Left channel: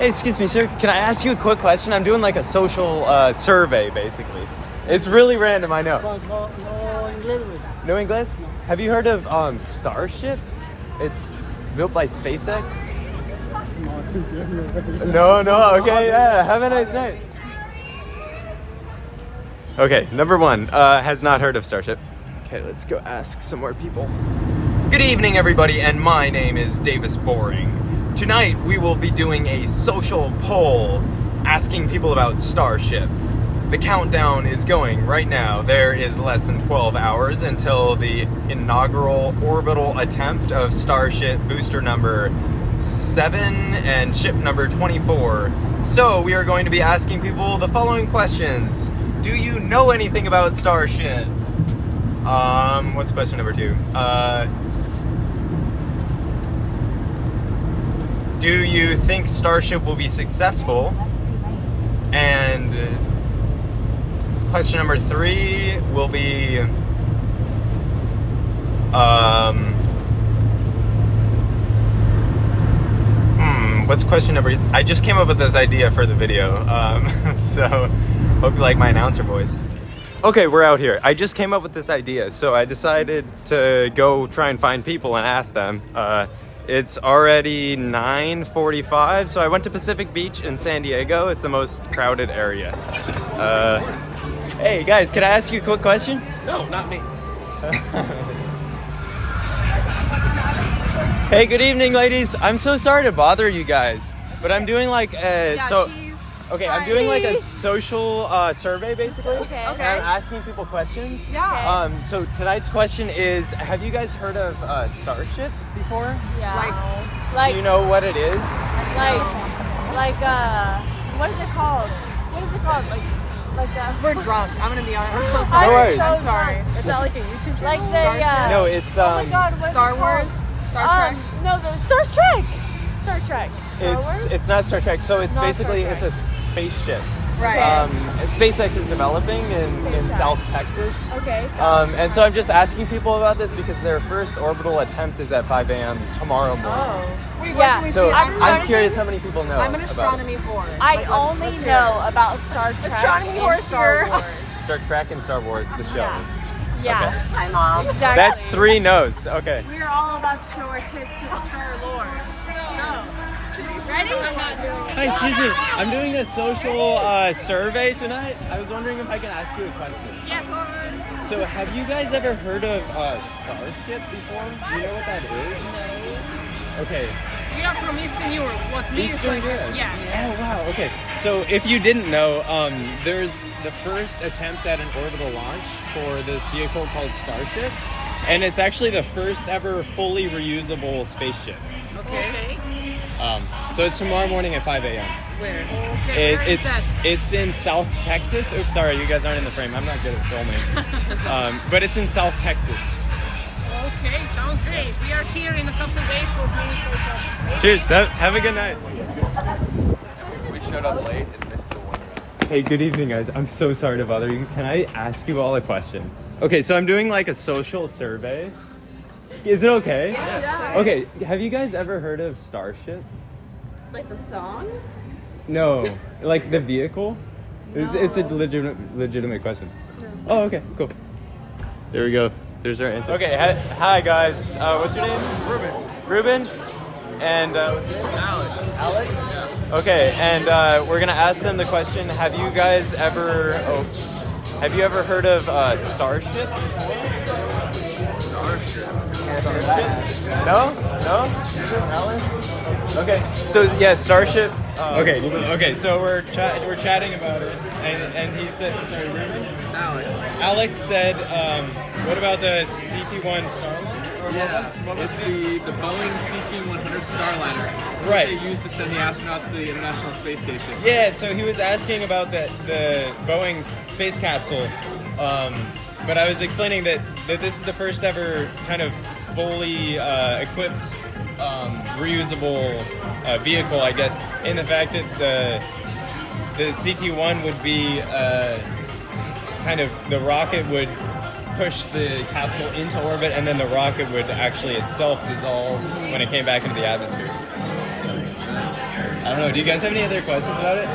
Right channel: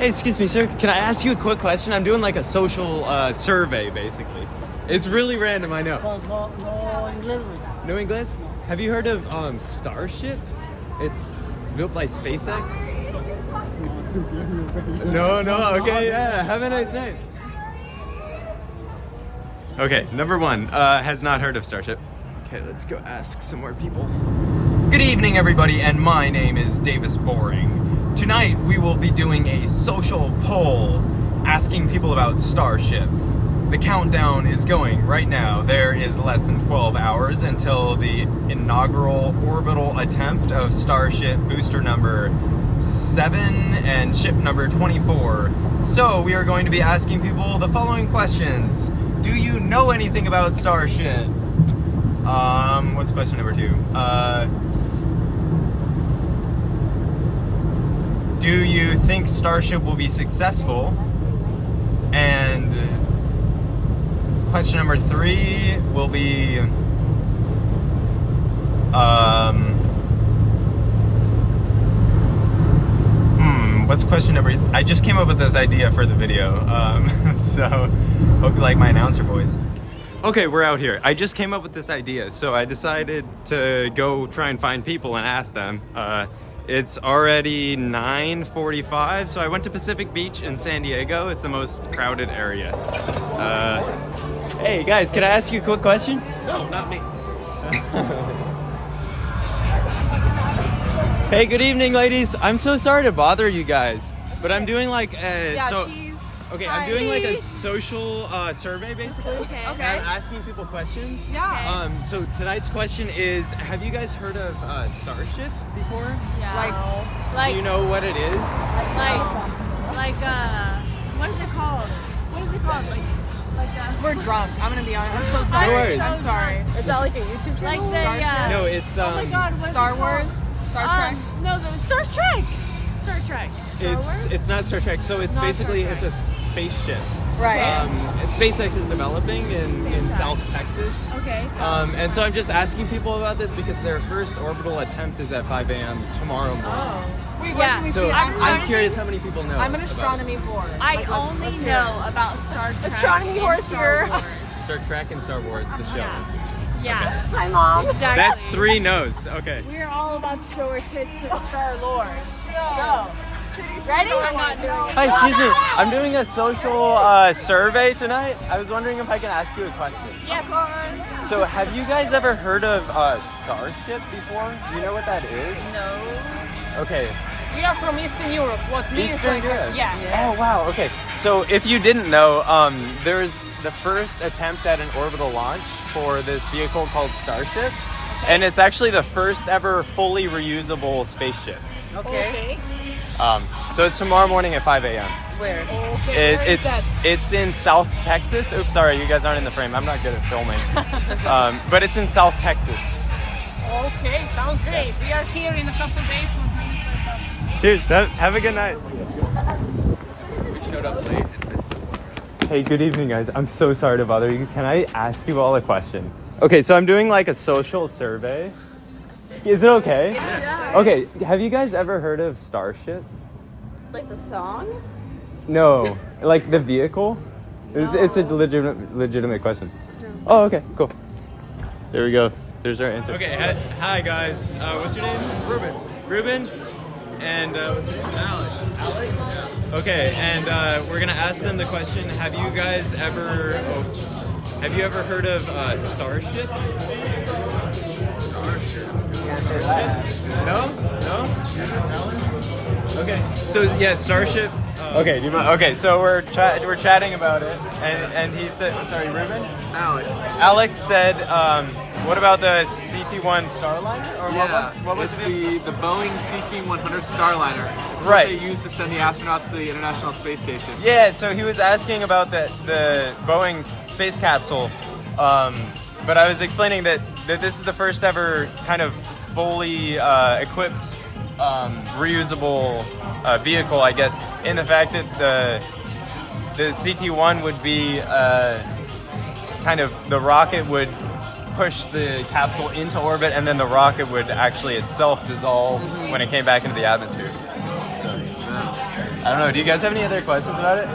Hey, excuse me, sir. Can I ask you a quick question? I'm doing like a social survey, basically. It's really random, I know. But no English. No English? No. Have you heard of Starship? It's built by SpaceX. No te entiendo. No, okay, yeah. Have a nice night. Okay, number one, has not heard of Starship. Okay, let's go ask some more people. Good evening, everybody, and my name is Davis Boring. Tonight, we will be doing a social poll asking people about Starship. The countdown is going right now. There is less than 12 hours until the inaugural orbital attempt of Starship booster number 7 and ship number 24. So we are going to be asking people the following questions. Do you know anything about Starship? What's question number 2? Do you think Starship will be successful? And question number 3 will be, what's question number? I just came up with this idea for the video, so hope you like my announcer voice. Okay, we're out here. I just came up with this idea, so I decided to go try and find people and ask them. It's already 9:45, so I went to Pacific Beach in San Diego. It's the most crowded area. Hey guys, can I ask you a quick question? No, not me. Hey, good evening, ladies. I'm so sorry to bother you guys, but I'm doing like I'm doing like a social survey basically. Okay. And I'm asking people questions. Yeah. So tonight's question is: have you guys heard of Starship before? Yeah. Do you know what it is? Like what is it called? What is it called? Like that. We're drunk. I'm gonna be honest. I'm so sorry. No worries. I'm sorry. Is that like a YouTube Like the No, it's oh my God, what's Star it Wars. called? Star Trek. No, the Star Trek. Star Trek. Star Wars. It's not Star Trek. So it's Not basically Star it's Trek. a spaceship. Right. SpaceX is developing in SpaceX. South Texas. Okay. And so I'm just asking people about this because their first orbital attempt is at 5 a.m. tomorrow morning. Oh. Wait, Yeah. So I'm I'm curious how many people know I'm an about astronomy whore. I Like, only let's hear know it. about Star Trek Astronomy and horse Star here. Wars. it. Star Trek and Star Wars, the shows. Yeah. Yeah. Hi, Mom. Exactly. That's 3 no's. Okay. We are all about to show our tits to the Star Lord. So, ready? Hi, excuse me. I'm doing a social survey tonight. I was wondering if I can ask you a question. Yes. So, have you guys ever heard of Starship before? Do you know what that is? No. Okay. We are from Eastern Europe. What means Eastern Europe? Yeah. Oh, wow. Okay. So, if you didn't know, there's the first attempt at an orbital launch for this vehicle called Starship. And it's actually the first ever fully reusable spaceship. Okay. So it's tomorrow morning at 5 a.m. Where? Okay. Where is that? It's in South Texas. Oops, sorry, you guys aren't in the frame. I'm not good at filming. But it's in South Texas. Okay, sounds great. We are here in a couple days, so it means that. Cheers. Have a good night. We showed up late and missed the one round. Hey, good evening, guys. I'm so sorry to bother you. Can I ask you all a question? Okay, so I'm doing like a social survey. Is it okay? Yeah. Okay, have you guys ever heard of Starship? Like the song? No, like the vehicle? It's a legitimate question. No. Oh, okay, cool. There we go. There's our answer. Okay, hi guys. What's your name? Ruben? And what's your name? Alex? Yeah. Okay, and we're gonna ask them the question, have you guys ever heard of Starship? No? Alan? Okay, so yeah, Starship. Okay, so we're chatting about it, and he said, sorry, Ruben? Alex said, what about the CT-1 Starliner? Or what was the Boeing CT-100 Starliner. It's Right. what they use to send the astronauts to the International Space Station. Yeah, so he was asking about the Boeing space capsule, but I was explaining that this is the first ever kind of fully equipped reusable vehicle, I guess, in the fact that the CT-1 would be kind of, the rocket would push the capsule into orbit, and then the rocket would actually itself dissolve when it came back into the atmosphere. So. I don't know. Do you guys have any other questions about it?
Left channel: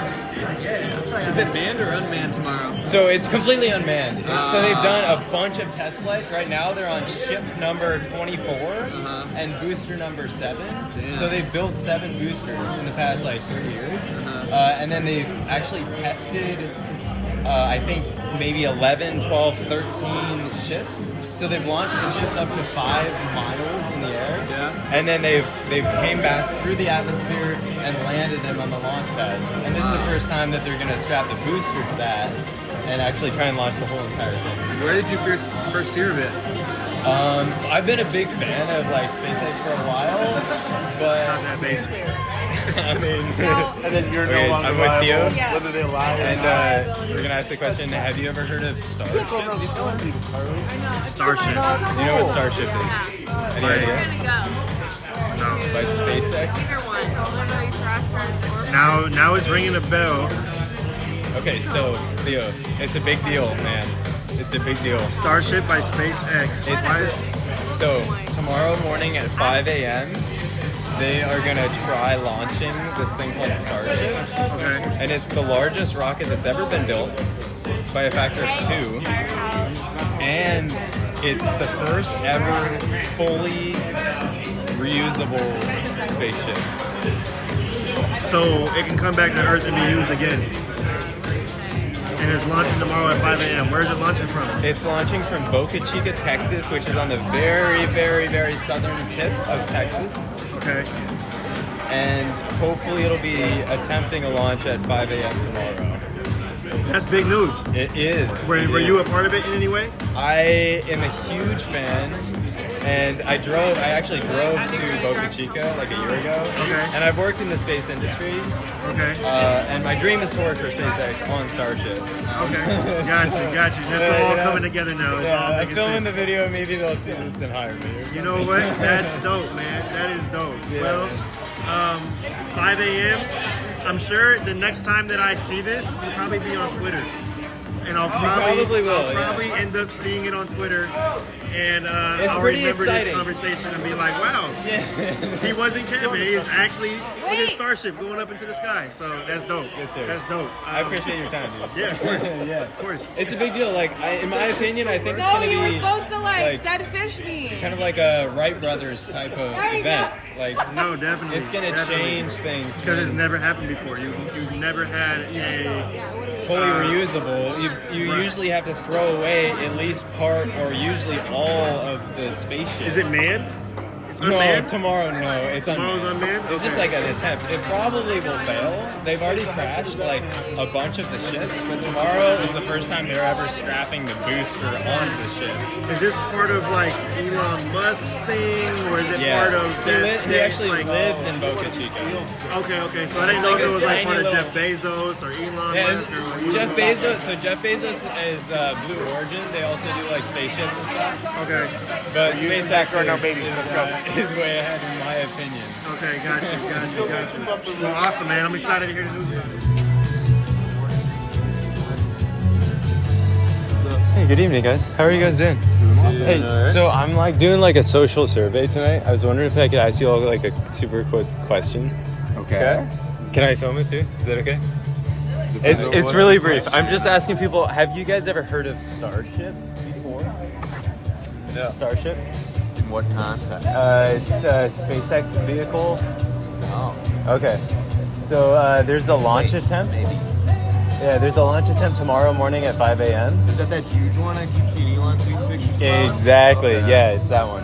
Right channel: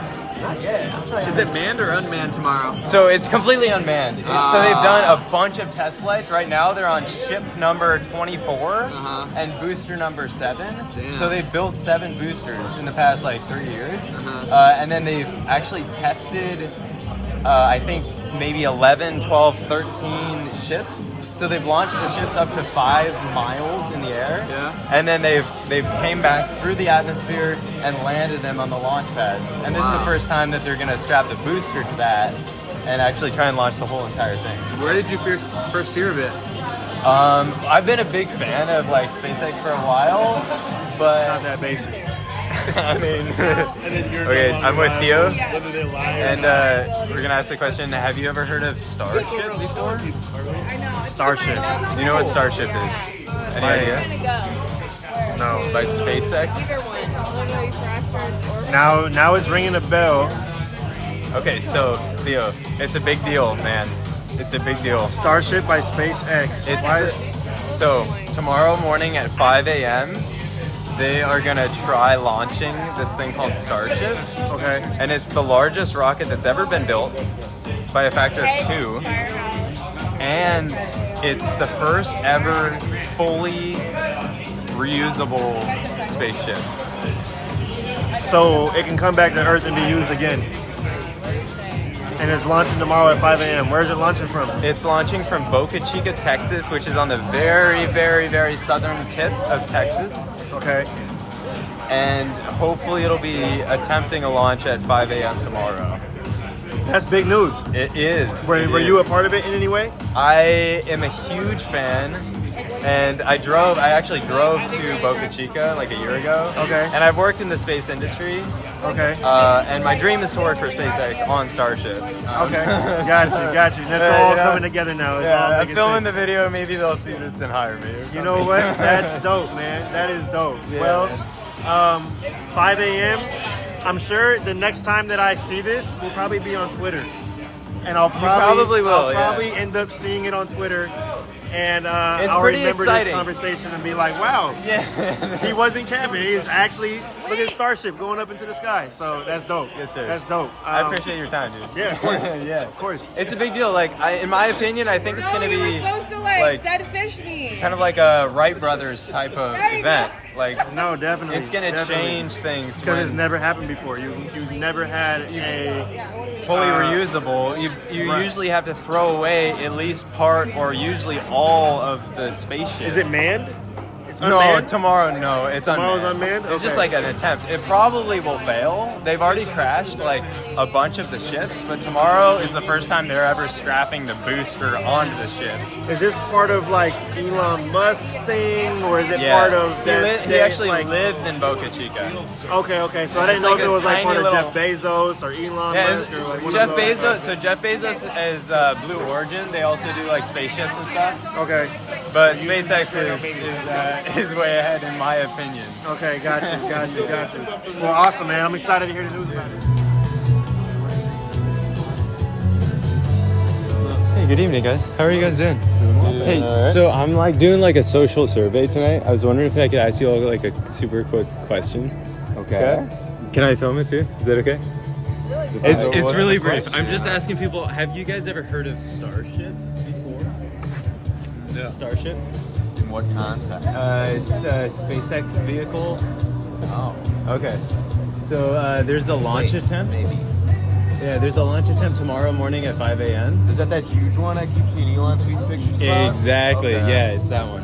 Is it manned or unmanned tomorrow? So it's completely unmanned. So they've done a bunch of test flights. Right now they're on ship number 24 and booster number 7. Damn. So they've built 7 boosters in the past like 3 years. And then they've actually tested, I think maybe 11, 12, 13 ships. So they've launched the ships up to 5 miles in the air. Yeah. And then they've came back through the atmosphere and landed them on the launch pads. And this is the first time that they're gonna strap the booster to that and actually try and launch the whole entire thing. Where did you first hear of it? I've been a big fan of like SpaceX for a while, but Not that basic. I mean, okay, I'm with Theo, and we're gonna ask the question: have you ever heard of Starship before? Starship. You know what Starship is? Any idea? No. By SpaceX. Now it's ringing a bell. Okay, so Theo, it's a big deal, man. It's a big deal. Starship by SpaceX. Why is So tomorrow morning at 5 a.m. they are gonna try launching this thing called Starship, okay? and it's the largest rocket that's ever been built by a factor of 2, and it's the first ever fully reusable spaceship. So it can come back to Earth and be used again. And it's launching tomorrow at 5 a.m. Where is it launching from? It's launching from Boca Chica, Texas, which is on the very, very, very southern tip of Texas. Okay. And hopefully it'll be attempting a launch at 5 a.m. tomorrow. That's big news. It is. Were It you a is. part of it in any way? I am a huge fan, and I actually drove to Boca Chica like a year ago. Okay. And I've worked in the space industry, Okay. and my dream is to work for SpaceX on Starship. Okay. Got you. That's all you know, coming together now. It's all Yeah, I'm making filming sense. the video. Maybe they'll see this and hire me. or You know what? That's dope, man. That is dope. Yeah, Well, 5 a.m. I'm sure the next time that I see this will probably be on Twitter, and I'll probably will, I'll yeah. probably end up seeing it on Twitter, and It's I'll pretty remember exciting. this conversation and be like, "Wow, Yeah. he wasn't camping. He is actually look at Starship going up into the sky." So that's dope. Yes, sir. That's dope. I appreciate your time, dude. Yeah, of course. Yeah. Of course. It's a big deal. Like, in my opinion, I think it's gonna you were be supposed to like dead fish me. kind of like a Wright Brothers type of There you event. Like, No, definitely. it's gonna definitely. change things Because it's when never happened before. You've never had a fully reusable. You Right. usually have to throw away at least part or usually all of the spaceship. Is it manned? It's No, unmanned? tomorrow, no. It's Tomorrow's unmanned. unmanned? It's just Okay. like an attempt. It probably will fail. They've already crashed like a bunch of the ships, but tomorrow is the first time they're ever strapping the booster onto the ship. Is this part of like Elon Musk's thing, or is it part of he actually like? lives in Boca Chica. Okay. So I didn't It's know like if it this was like part tiny of Jeff Bezos or Elon Yeah, Musk or like one Jeff of those. Bezos. So Jeff Bezos is Blue Origin. They also do like spaceships and stuff. Okay. But SpaceX is way ahead in my opinion. Okay. Got you. Well, awesome, man. I'm excited to hear the news about it. Hey, good evening, guys. How are you guys doing? Hey, so I'm like doing like a social survey tonight. I was wondering if I could ask you all like a super quick question. Okay. Can I film it too? Is that okay? It's really brief. I'm just asking people, have you guys ever heard of Starship before? No. Starship? In what context? It's a SpaceX vehicle. Oh. Okay. So there's a launch attempt. Yeah, there's a launch attempt tomorrow morning at 5 a.m. Is that huge one I keep seeing Elon see pictures about? Exactly. Okay. Yeah, it's that one.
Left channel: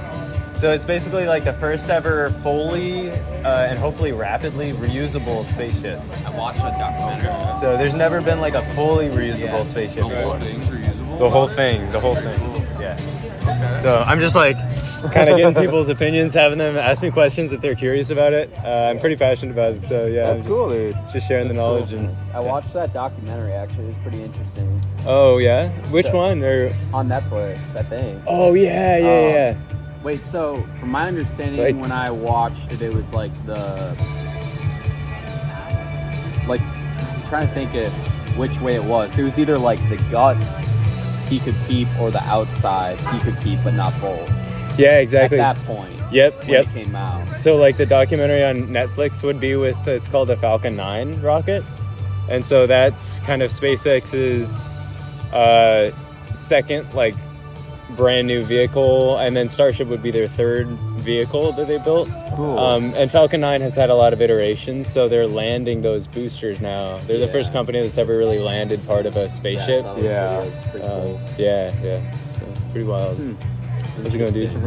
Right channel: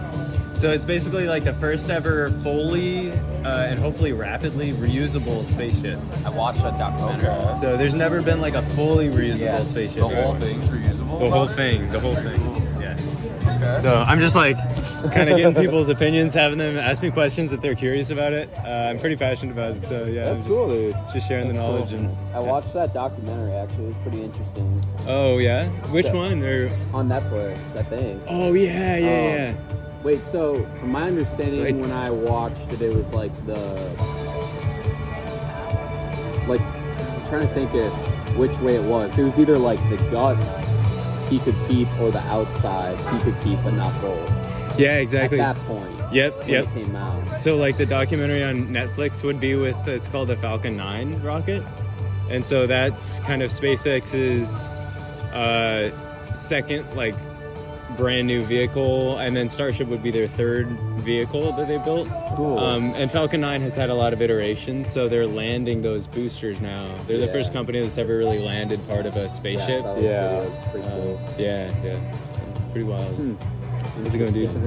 So it's basically like the first ever fully and hopefully rapidly reusable spaceship. I watched that documentary. So there's never been like a fully reusable spaceship. The whole before. thing's reusable? The whole about it? thing. The whole Pretty thing. cool. Yeah. Okay. So I'm just like kind of getting people's opinions, having them ask me questions if they're curious about it. I'm pretty passionate about it, so yeah, That's I'm cool, dude. just sharing the knowledge and. I watched that documentary actually. It was pretty interesting. Oh yeah, which Yeah. one? Or On Netflix, I think. oh yeah, yeah. Wait, so from my understanding, Like- when I watched it, it was like I'm trying to think of which way it was. It was either like the guts he could keep or the outside he could keep, but not both. Yeah, exactly. At that point. Yep, when yep. it came out. So like the documentary on Netflix would be with, it's called the Falcon 9 rocket. And so that's kind of SpaceX's second like brand new vehicle, and then Starship would be their third vehicle that they built. Cool. And Falcon 9 has had a lot of iterations, so they're landing those boosters now. They're the first company that's ever really landed part of a spaceship. Yeah. Yeah. So it's pretty wild. How's it going, dude?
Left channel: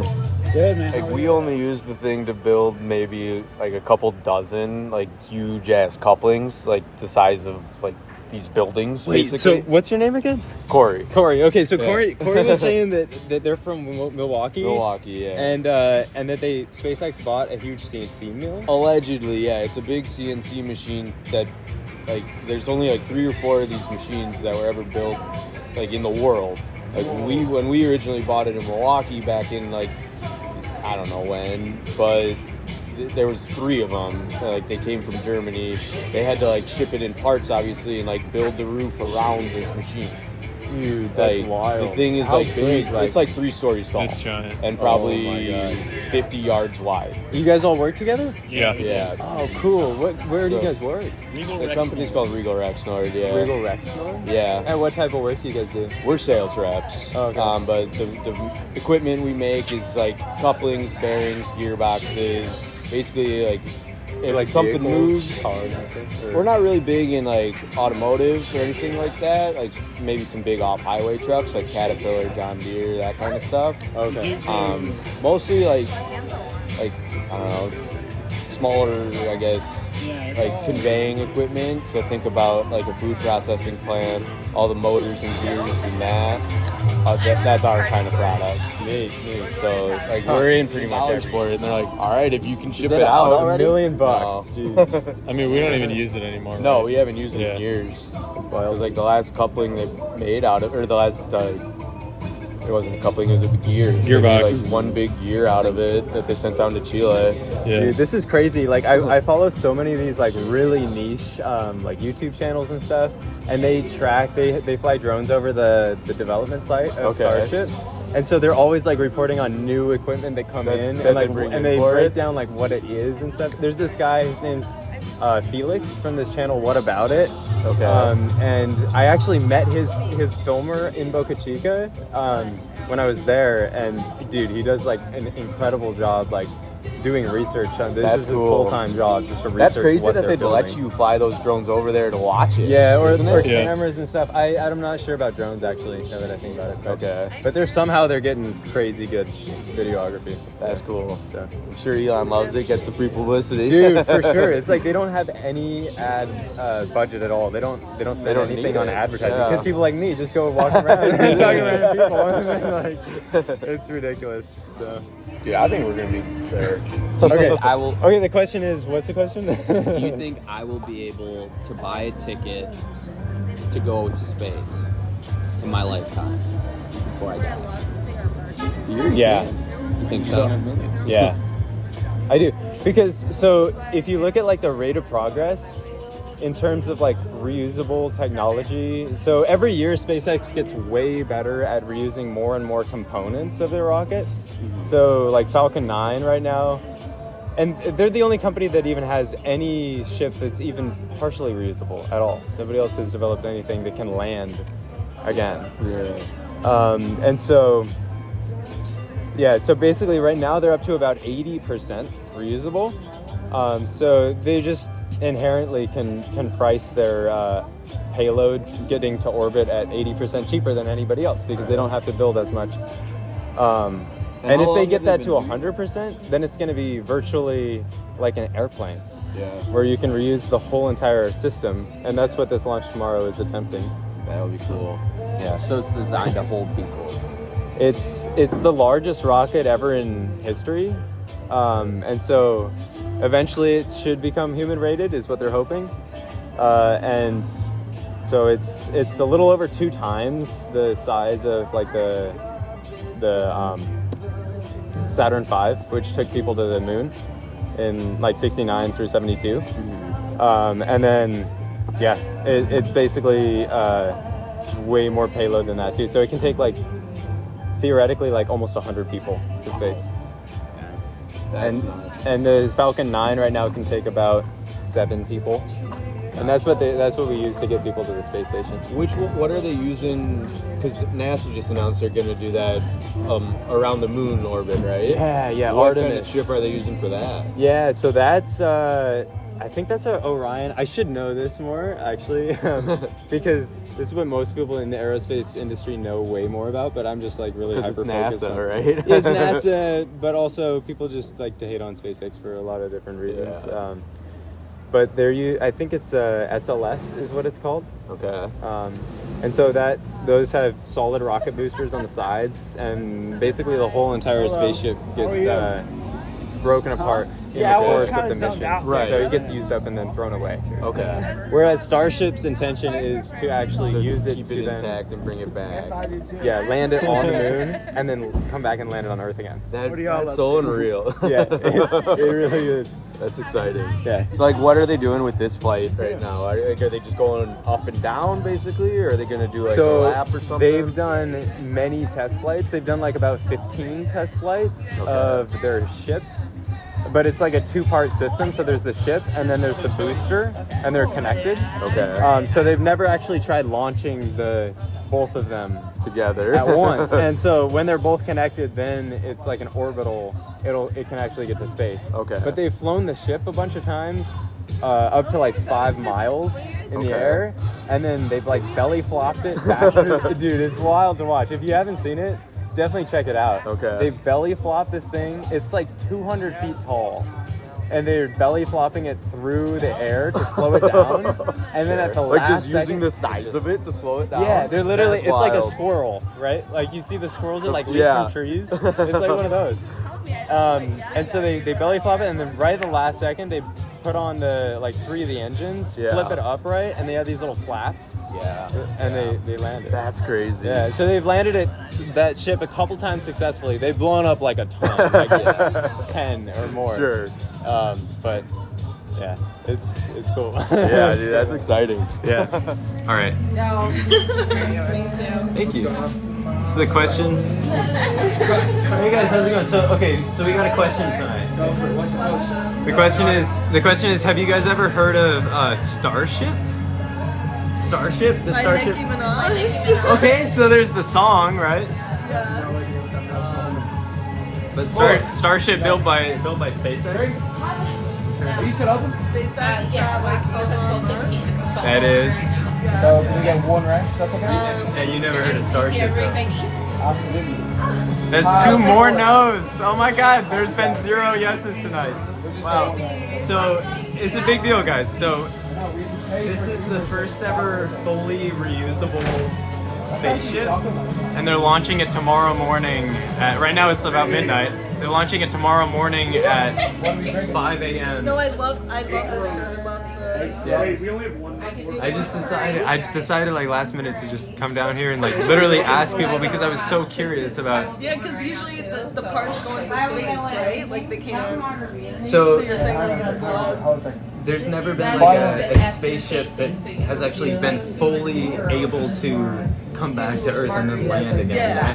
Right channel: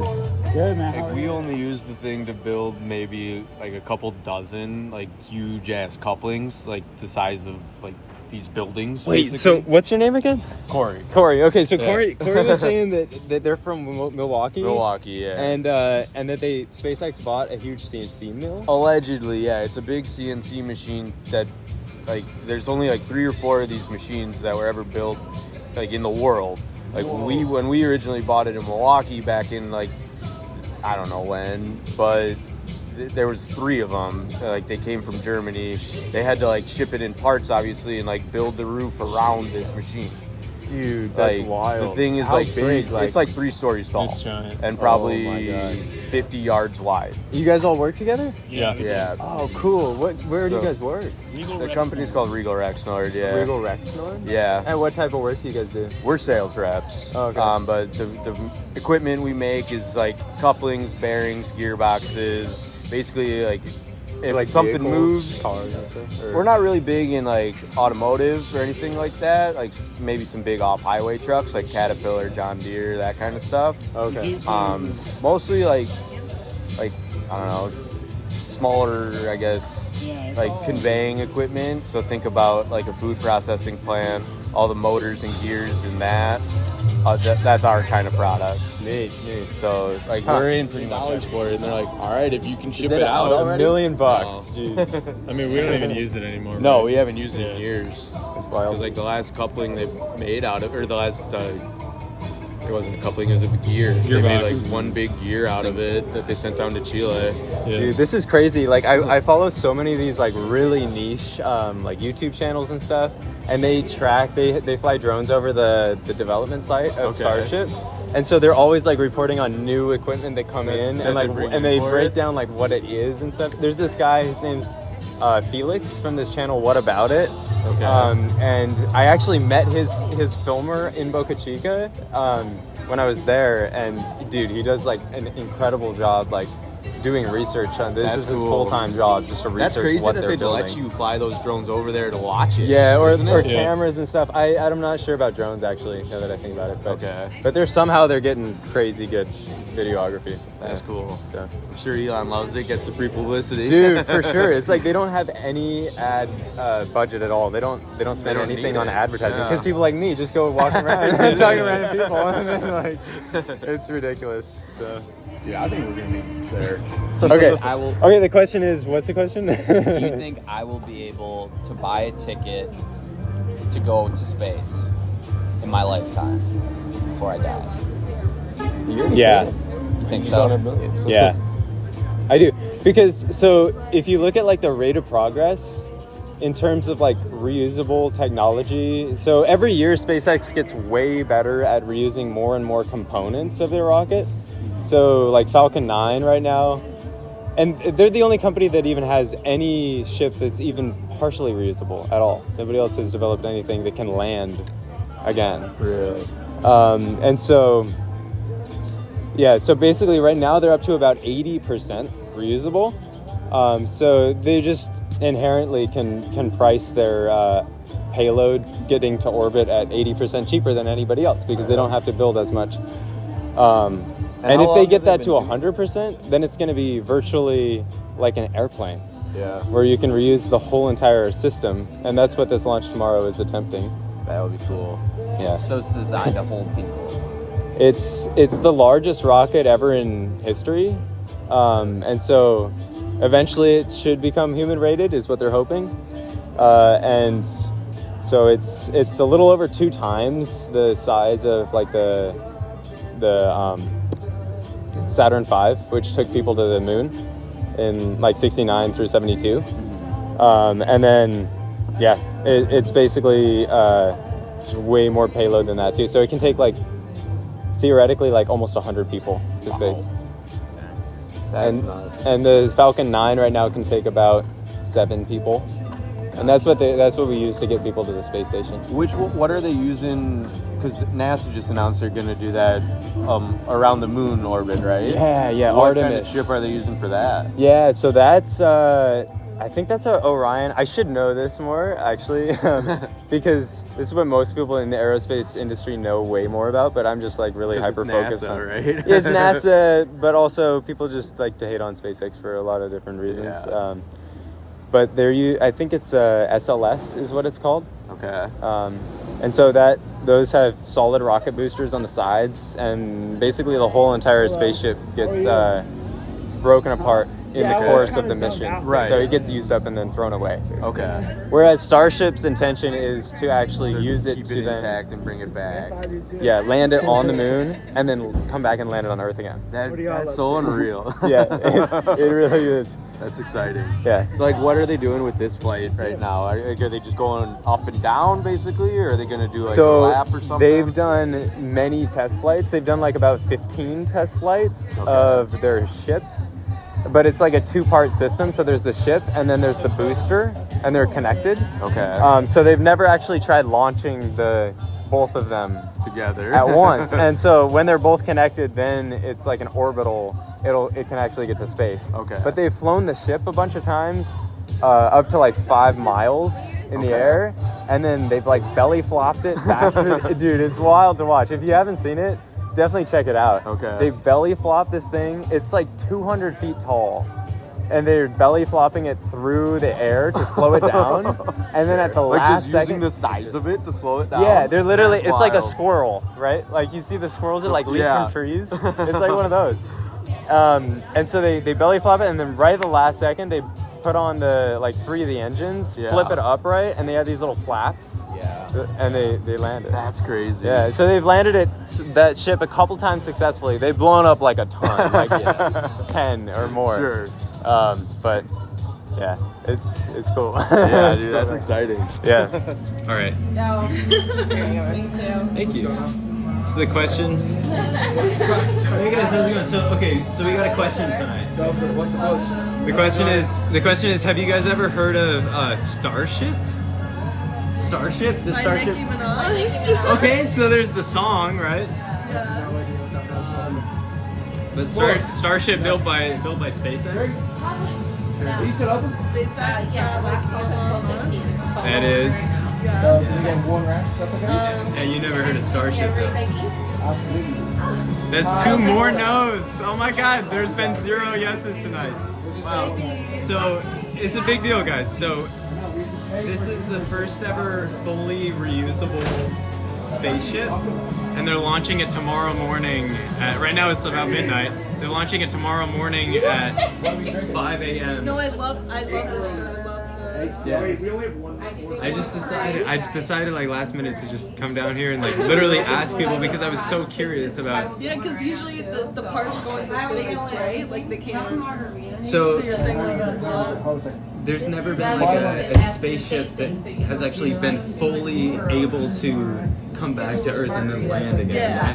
Good, man. How Like, are we you? only use the thing to build maybe like a couple dozen like huge ass couplings, like the size of like these buildings. Wait, basically. so what's your name again? Corey, Okay, so Yeah. Corey was saying that they're from Milwaukee. Milwaukee, yeah. And that SpaceX bought a huge CNC mill. Allegedly, yeah, it's a big CNC machine that like there's only like 3 or 4 of these machines that were ever built like in the world. Like when we originally bought it in Milwaukee back in like I don't know when, but there was 3 of them. Like they came from Germany. They had to like ship it in parts, obviously, and like build the roof around this machine. Dude, that's Like, wild. The thing is How like big? it's like 3 stories tall It's giant. and Oh probably my God. 50 yards wide. You guys all work together? Yeah. Oh, cool. Where do you So- guys work? The company's called Regal Rexnord. Yeah. Regal Rexnord? Yeah. And what type of work do you guys do? We're sales reps. Oh, okay. But the equipment we make is like couplings, bearings, gearboxes. Basically, like if something vehicles, moves. cars and stuff? Or- We're not really big in like automotive or anything like that. Like maybe some big off-highway trucks like Caterpillar, John Deere, that kind of stuff. Okay. Mostly like I don't know, smaller, I guess. Like conveying equipment. So think about like a food processing plant, all the motors and gears and that. That's our kind of product. Neat. So like we're in pretty much every. for it, and they're like, all right, if you can ship Is it out. $1 million No. dude. I mean, we don't even use it anymore. No, right? we haven't used it Yeah. in years. That's It wild. was like the last coupling they made out of, or the last. It wasn't a coupling; it was a gear. They made Gearbox. like one big gear out of it that they sent down to Chile. Yeah. Dude, this is crazy. Like I follow so many of these like really niche like YouTube channels and stuff, and they fly drones over the development site of Okay. Starship. And so they're always like reporting on new equipment that come in that and like they bring and in they for break it? down like what it is and stuff. There's this guy, his name's Felix from this channel What About It. Okay. And I actually met his filmer in Boca Chica when I was there, and dude, he does like an incredible job like doing research on this. That's Is his cool. full-time job just to research That's crazy what that they're they'd let building. you fly those drones over there to watch it. Yeah, or isn't it? Yeah. cameras and stuff. I'm not sure about drones actually, now that I think about it. But, Okay. But they're getting crazy good videography. That's cool. So. I'm sure Elon loves it. Gets the free publicity. Dude, for sure. It's like they don't have any ad budget at all. They don't spend They don't anything need on it. advertising Yeah. because people like me just go walk around and talk to random people. And then, like, it's ridiculous. So. Yeah, I think we're gonna be there. Do you Okay. think I will? Okay. The question is, what's the question? Do you think I will be able to buy a ticket to go to space in my lifetime before I die? Yeah. You think so? Yeah, I do. Because so if you look at like the rate of progress in terms of like reusable technology, so every year SpaceX gets way better at reusing more and more components of their rocket. So like Falcon 9 right now, and they're the only company that even has any ship that's even partially reusable at all. Nobody else has developed anything that can land again. Really? And so, yeah, so basically right now they're up to about 80% reusable. So they just inherently can price their payload getting to orbit at 80% cheaper than anybody else because they don't have to build as much. And how if long they have get they that to been 100%, then it's going to be virtually like an airplane Yeah. where you can reuse the whole entire system. And that's what this launch tomorrow is attempting. That would be cool. Yeah. So it's designed to hold people. It's the largest rocket ever in history, and so eventually it should become human rated, is what they're hoping. And so it's a little over 2 times the size of like the Saturn V, which took people to the moon in like 69 through 72. And then yeah, it's basically way more payload than that too. So it can take like theoretically like almost 100 people to space. That's and, nuts. And the Falcon 9 right now can take about 7 people. And that's what we use to get people to the space station. What are they using? Because NASA just announced they're going to do that around the moon orbit, right? Yeah. What Artemis. kind of ship are they using for that? Yeah, so that's I think that's Orion. I should know this more actually, because this is what most people in the aerospace industry know way more about. But I'm just like really hyper focused NASA, on. right? Yeah, it's NASA, but also people just like to hate on SpaceX for a lot of different reasons. Yeah. But I think it's SLS is what it's called. Okay. And so those have solid rocket boosters on the sides, and basically the whole entire spaceship gets broken apart in the course of the mission. Right. So it gets used up and then thrown away. Okay. Whereas Starship's intention is to actually So use it keep to it then- intact and bring it back. Yeah, land it on the moon and then come back and land it on Earth again. That's so unreal. Yeah, it really is. That's exciting. Yeah. So like, what are they doing with this flight right now? Are they just going up and down basically, or are they going to do like a lap or something? They've done many test flights. They've done like about 15 test flights of their ship. But it's like a 2-part system. So there's the ship and then there's the booster, and they're connected. Okay. So they've never actually tried launching both of them Together at once. And so when they're both connected, then it's like an orbital. It can actually get to space. Okay. But they've flown the ship a bunch of times, up to like 5 miles in the air, and then they've like belly flopped it back. Dude, it's wild to watch. If you haven't seen it, definitely check it out. Okay. They belly flop this thing. It's like 200 feet tall. And they're belly flopping it through the air to slow it down. And then at the last like just using second, the size of it to slow it down. yeah, they're literally, That's it's like a wild. squirrel, right? Like you see the squirrels that like leap Yeah. from trees. It's like one of those. And so they belly flop it, and then right at the last second, they put on the 3 of the engines, Yeah. flip it upright, and they have these little flaps. Yeah. And they land it. That's crazy. Yeah, so they've landed that ship a couple times successfully. They've blown up like a ton, like 10 or more. Sure. But yeah, it's cool. Yeah, dude, that's exciting. Yeah. All right. No. Thank you. So the question. Hey guys, how's it going? So we got a question tonight. Go for it. What's the question? The question is, have you guys ever heard of Starship? Starship? The Starship. Nicki Minaj. Okay, so there's the song, right? But Starship built by SpaceX. SpaceX, like Elon Musk. That is. We got one right? That's okay. And you never heard of Starship though. That's 2 more no's. Oh my god, there's been 0 yeses tonight. Wow. So it's a big deal, guys. So this is the first ever fully reusable spaceship, and they're launching it tomorrow morning. Right now it's about midnight. They're launching it tomorrow morning at 5 a.m. No, I love this shirt. I love the. Yeah. I decided like last minute to just come down here and like literally ask people because I was so curious about. Yeah, because usually the parts go into space, right? Like they can't. So you're saying reusable. there's never been like a spaceship that has actually been fully able to come back to Earth and then land again. Yeah.